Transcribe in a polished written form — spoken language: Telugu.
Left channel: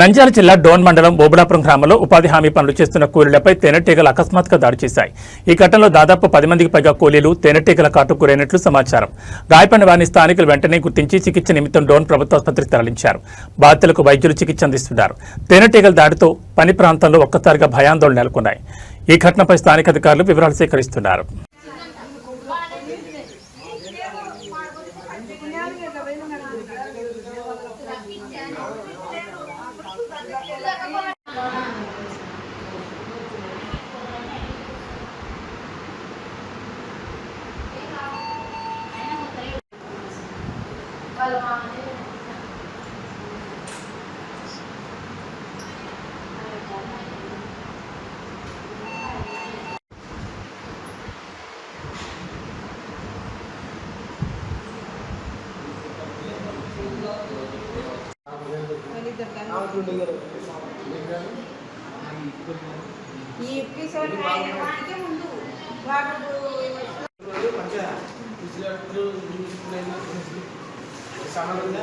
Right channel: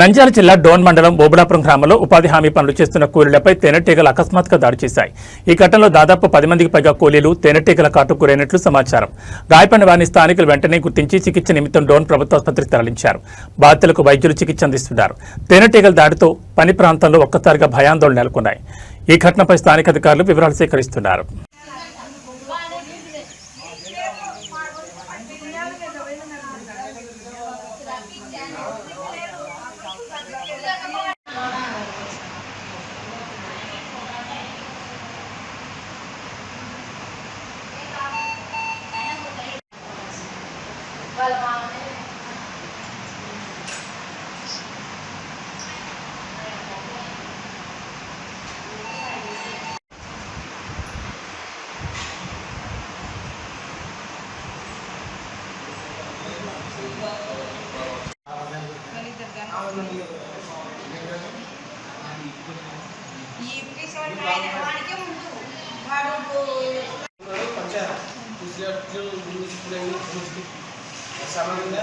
నంద్యాల జిల్లా డోన్ మండలం బోబులాపురం గ్రామంలో ఉపాధి హామీ పనులు చేస్తున్న కూలీలపై తేనెటీగలు అకస్మాత్తుగా దాడి చేశాయి. ఈ ఘటనలో దాదాపు 10 మందికి పైగా కూలీలు తేనెటీగల కాటుకు గురైనట్లు సమాచారం. గాయపడిన వారిని స్థానికులు వెంటనే గుర్తించి చికిత్స నిమిత్తం డోన్ ప్రభుత్వ ఆసుపత్రికి తరలించారు. బాధితులకు వైద్యులు చికిత్స అందిస్తున్నారు. తేనెటీగల దాడితో పని ప్రాంతంలో ఒక్కసారిగా భయాందోళన నెలకొన్నాయి. ఈ ఘటనపై స్థానిక అధికారులు వివరాలు సేకరిస్తున్నారు. ఈ ఎపిసోడ్ వాడికే ముందు వాడు సామాన్యంగా